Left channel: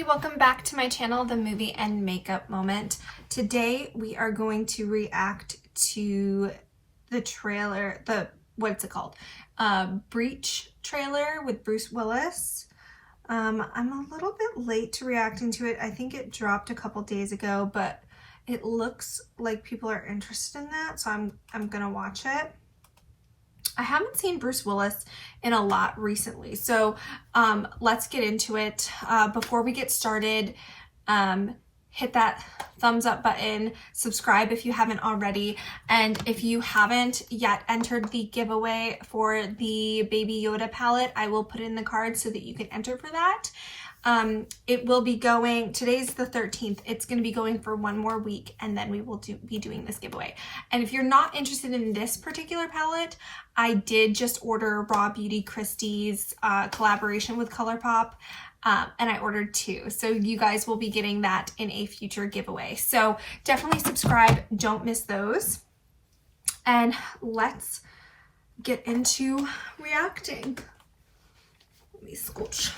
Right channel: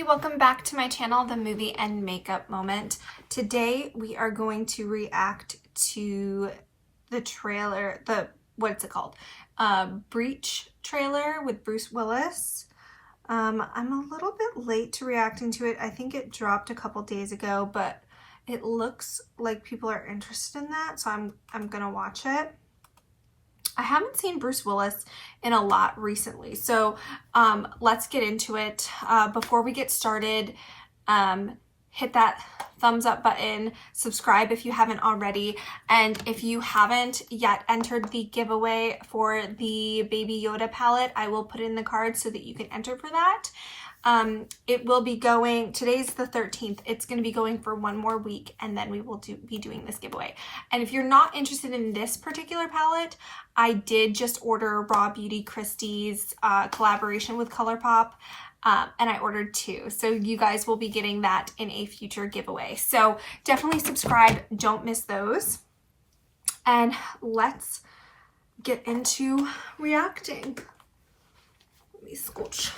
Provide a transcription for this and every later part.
everybody, welcome back to my channel, The Movie and Makeup Moment. Today we are going to react to the trailer, what's it called? Breach trailer with Bruce Willis. I'm a little bit late to reacting to it. I think it dropped a couple days ago, but it looks like people are interested in that, so I'm gonna watch it. I haven't seen Bruce Willis in a lot recently, so let's get into it. Before we get started, hit that thumbs up button, subscribe if you haven't already, and if you haven't yet entered the giveaway for the Baby Yoda palette, I will put it in the card so that you can enter for that. It will be going, today's the 13th, it's going to be going for one more week, and then we will be doing this giveaway. And if you're not interested in this particular palette, I did just order Raw Beauty Christie's collaboration with ColourPop, and I ordered two, so you guys will be getting that in a future giveaway. So definitely subscribe, don't miss those, and let's get into reacting. Let me scooch.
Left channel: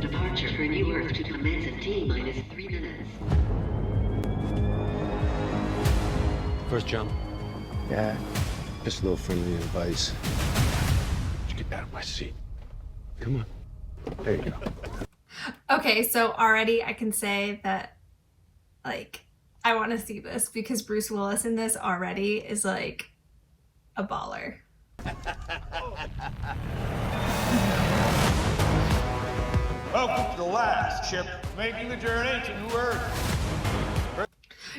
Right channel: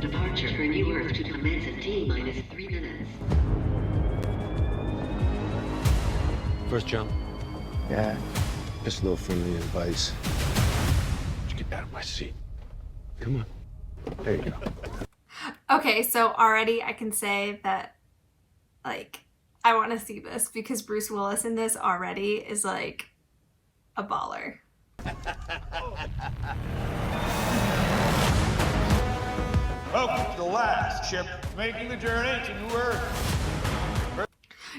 Departure for New Earth to commence in T-minus 3 minutes. First jump. Yeah, just a little friendly advice. Just get out of my seat. Come on. There you go. Okay, so already I can say that, like, I want to see this because Bruce Willis in this already is like a baller. Welcome to the last ship making the journey to New Earth.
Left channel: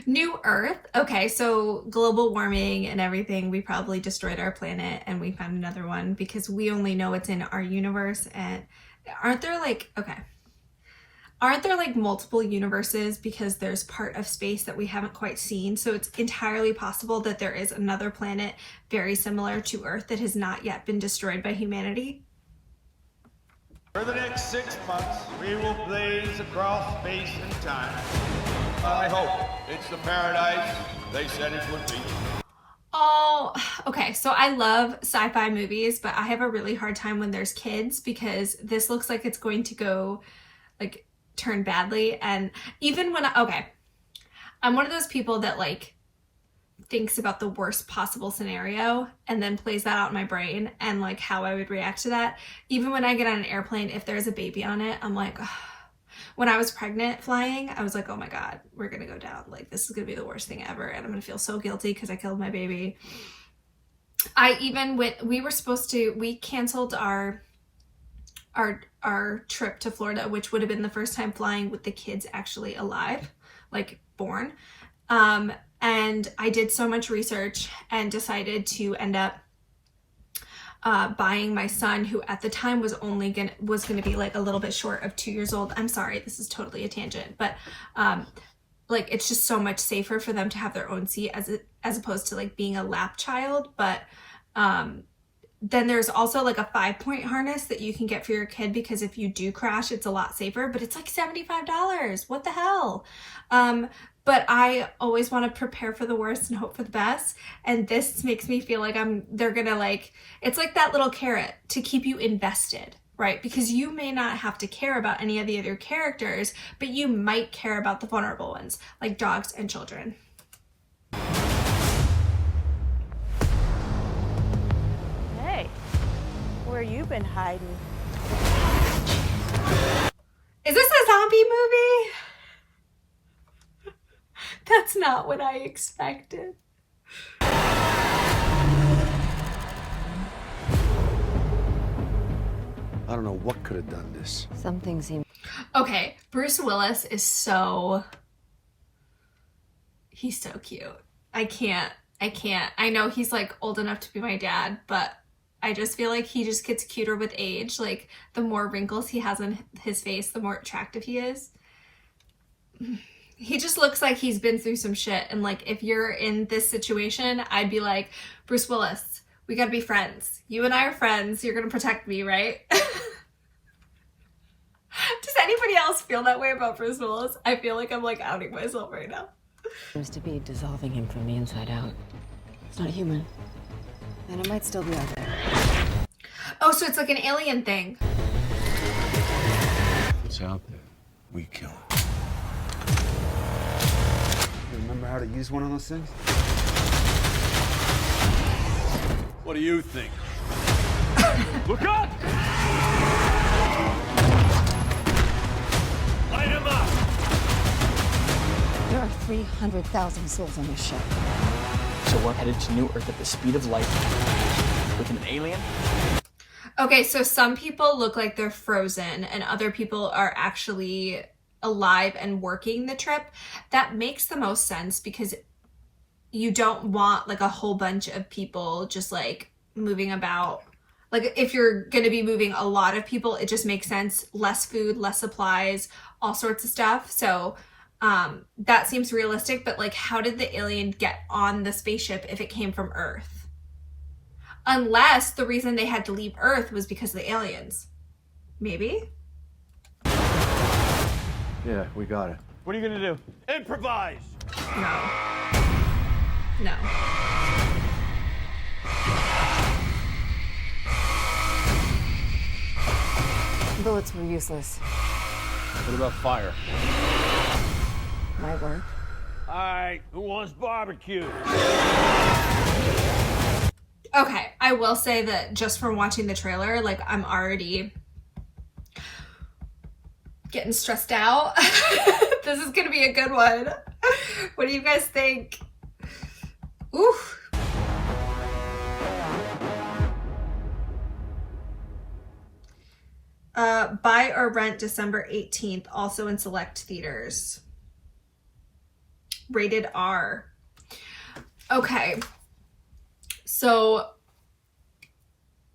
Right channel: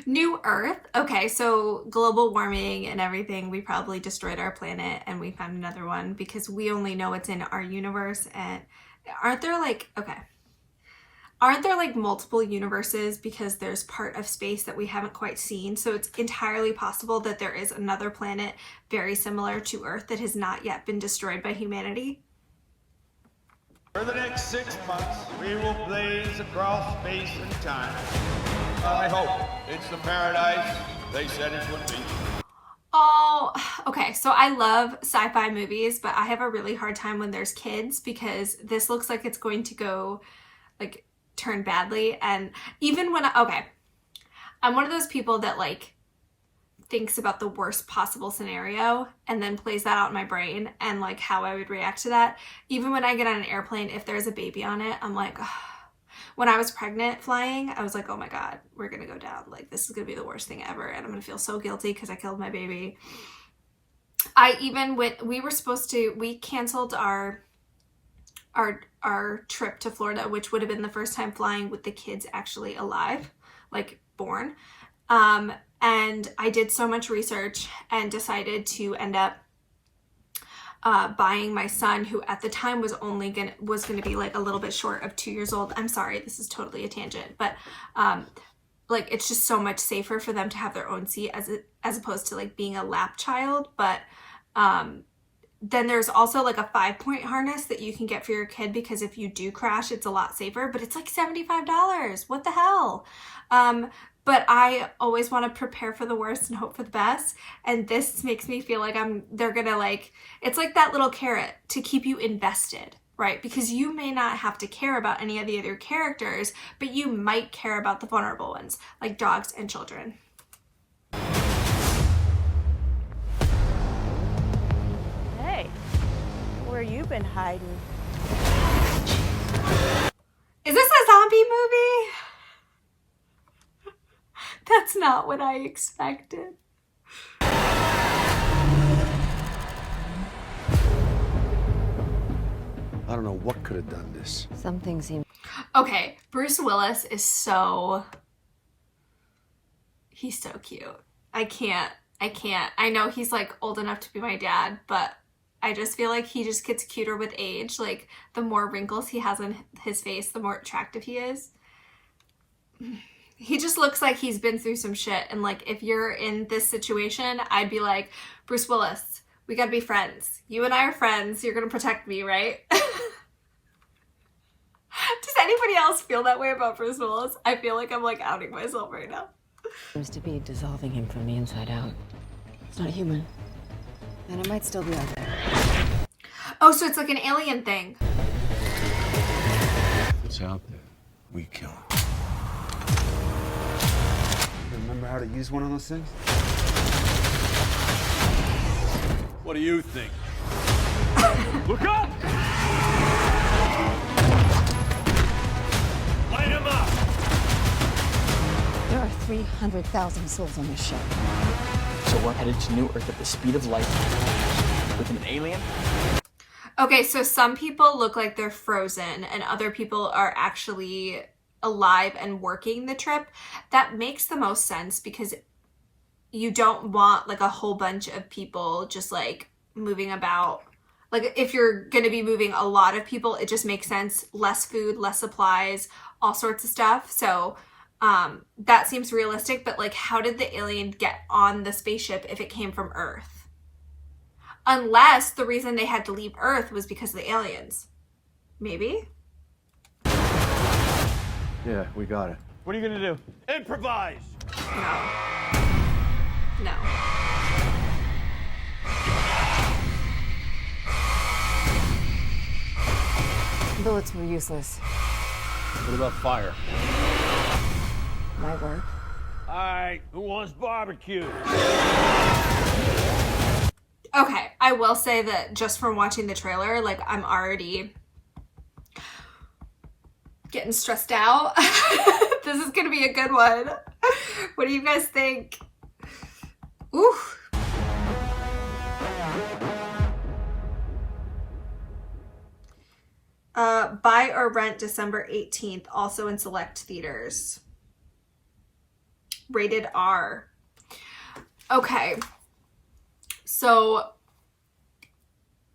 New Earth? Okay, so global warming and everything, we probably destroyed our planet and we found another one because we only know what's in our universe. And aren't there like multiple universes because there's part of space that we haven't quite seen? So it's entirely possible that there is another planet very similar to Earth that has not yet been destroyed by humanity. For the next 6 months, we will blaze across space and time. I hope it's the paradise they said it would be. Oh, okay. So I love sci-fi movies, but I have a really hard time when there's kids because this looks like it's going to go, like, turn badly. And even when I'm one of those people that like thinks about the worst possible scenario and then plays that out in my brain and like how I would react to that. Even when I get on an airplane, if there's a baby on it, I'm like, ugh. When I was pregnant flying, I was like, oh my God, we're gonna go down. Like, this is gonna be the worst thing ever. And I'm gonna feel so guilty because I killed my baby. We canceled our trip to Florida, which would have been the first time flying with the kids actually alive, like born. And I did so much research and decided to end up buying my son, who at the time was gonna be like a little bit short of 2 years old. I'm sorry, this is totally a tangent, but like it's just so much safer for them to have their own seat as opposed to like being a lap child. But then there's also like a 5-point harness that you can get for your kid because if you do crash, it's a lot safer, but it's like $75. What the hell? But I always want to prepare for the worst and hope for the best. And this makes me feel like they're gonna like, it's like that little carrot to keep you invested, right? Because you may not have to care about any of the other characters, but you might care about the vulnerable ones, like dogs and children. Hey, where you been hiding? Is this a zombie movie? That's not what I expected. I don't know what could have done this. Something seems... Okay, Bruce Willis is he's so cute. I can't. I know he's like old enough to be my dad, but I just feel like he just gets cuter with age. Like the more wrinkles he has on his face, the more attractive he is. He just looks like he's been through some shit. And like, if you're in this situation, I'd be like, Bruce Willis, we gotta be friends. You and I are friends. You're gonna protect me, right? Does anybody else feel that way about Bruce Willis? I feel like I'm like outing myself right now. seems to be dissolving him from the inside out. It's not human. And it might still be out there. Oh, so it's like an alien thing. What's out there? We kill it. You remember how to use one of those things? What do you think? Look up! Light him up! There are 300,000 souls on this ship. So we're headed to New Earth at the speed of light with an alien? Okay, so some people look like they're frozen and other people are actually alive and working the trip. That makes the most sense because you don't want like a whole bunch of people just like moving about. Like if you're going to be moving a lot of people, it just makes sense. Less food, less supplies, all sorts of stuff. So that seems realistic, but like how did the alien get on the spaceship if it came from Earth? Unless the reason they had to leave Earth was because of the aliens. Maybe? Yeah, we got it. What are you gonna do? Improvise! No. No. Bullets were useless. What about fire? Might work. All right, who wants barbecue? Okay, I will say that just from watching the trailer, like I'm already getting stressed out. This is gonna be a good one. What do you guys think? Ooh. Buy or rent December 18th, also in select theaters. Rated R. Okay. So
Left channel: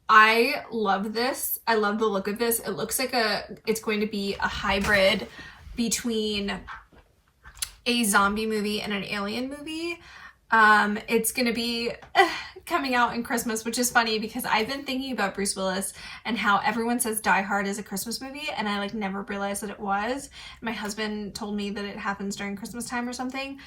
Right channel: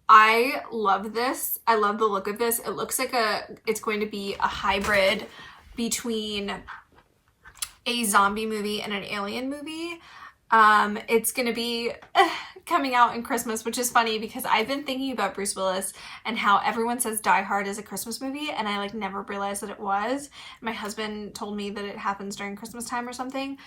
I love this. I love the look of this. It looks like it's going to be a hybrid between a zombie movie and an alien movie. It's going to be coming out in Christmas, which is funny because I've been thinking about Bruce Willis and how everyone says Die Hard is a Christmas movie, and I like never realized that it was. My husband told me that it happens during Christmas time or something.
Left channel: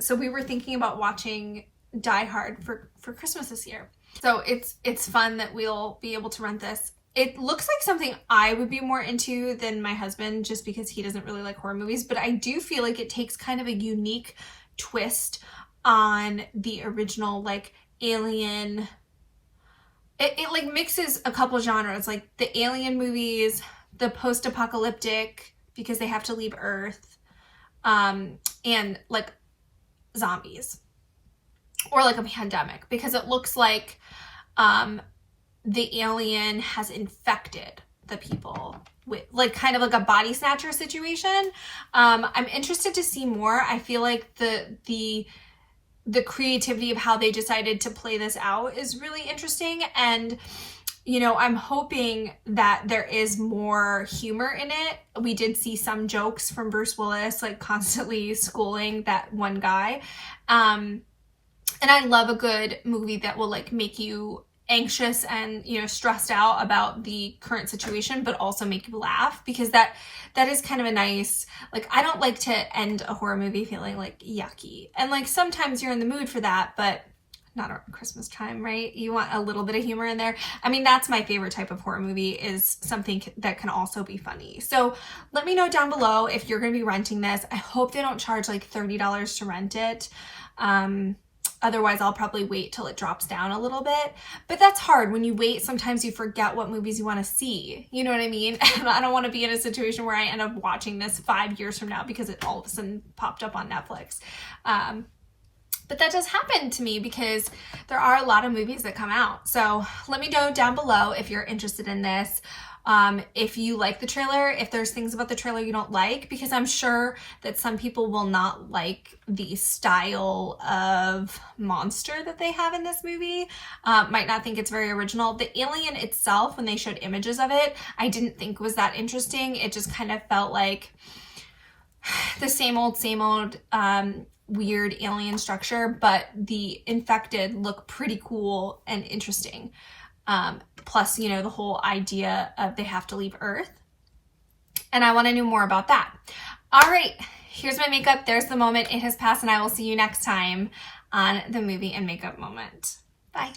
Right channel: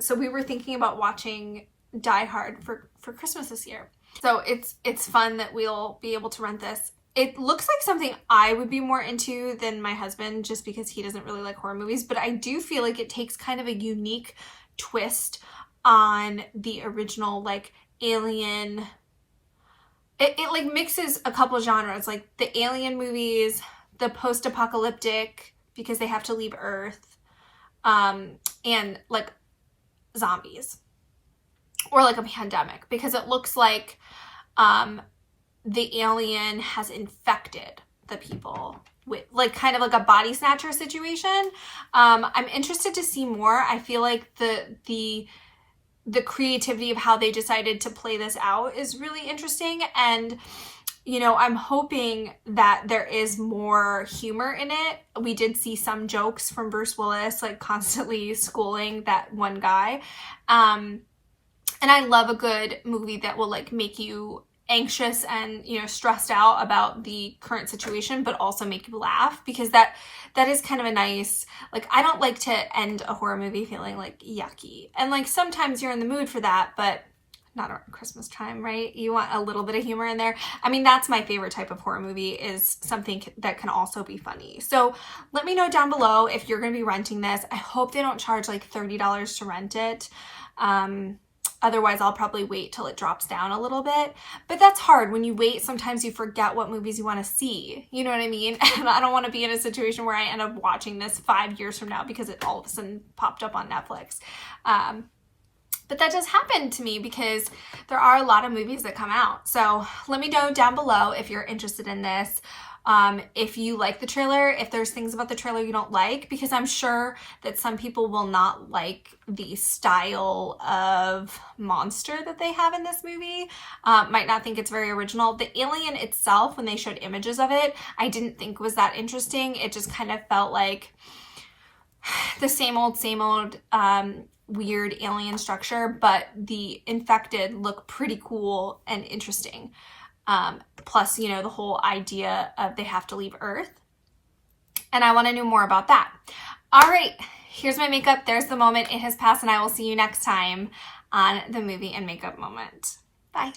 So we were thinking about watching Die Hard for Christmas this year. So it's fun that we'll be able to rent this. It looks like something I would be more into than my husband just because he doesn't really like horror movies, but I do feel like it takes kind of a unique twist on the original like alien. It like mixes a couple genres, like the alien movies, the post-apocalyptic because they have to leave Earth, and like zombies or like a pandemic because it looks like the alien has infected the people with like kind of like a body snatcher situation. I'm interested to see more. I feel like the creativity of how they decided to play this out is really interesting. And, you know, I'm hoping that there is more humor in it. We did see some jokes from Bruce Willis, like constantly schooling that one guy. And I love a good movie that will like make you anxious and, you know, stressed out about the current situation, but also make you laugh because that is kind of a nice, like, I don't like to end a horror movie feeling like yucky. And like sometimes you're in the mood for that, but not around Christmas time, right? You want a little bit of humor in there. I mean, that's my favorite type of horror movie, is something that can also be funny. So let me know down below if you're going to be renting this. I hope they don't charge like $30 to rent it. Otherwise, I'll probably wait till it drops down a little bit. But that's hard. When you wait, sometimes you forget what movies you want to see. You know what I mean? And I don't want to be in a situation where I end up watching this 5 years from now because it all of a sudden popped up on Netflix. But that does happen to me because there are a lot of movies that come out. So let me know down below if you're interested in this. If you like the trailer, if there's things about the trailer you don't like, because I'm sure that some people will not like the style of monster that they have in this movie, might not think it's very original. The alien itself, when they showed images of it, I didn't think was that interesting. It just kind of felt like the same old, weird alien structure, but the infected look pretty cool and interesting. Plus, you know, the whole idea of they have to leave Earth. And I want to know more about that. All right, here's my makeup. There's the moment. It has passed, and I will see you next time on the Movie and Makeup Moment. Bye.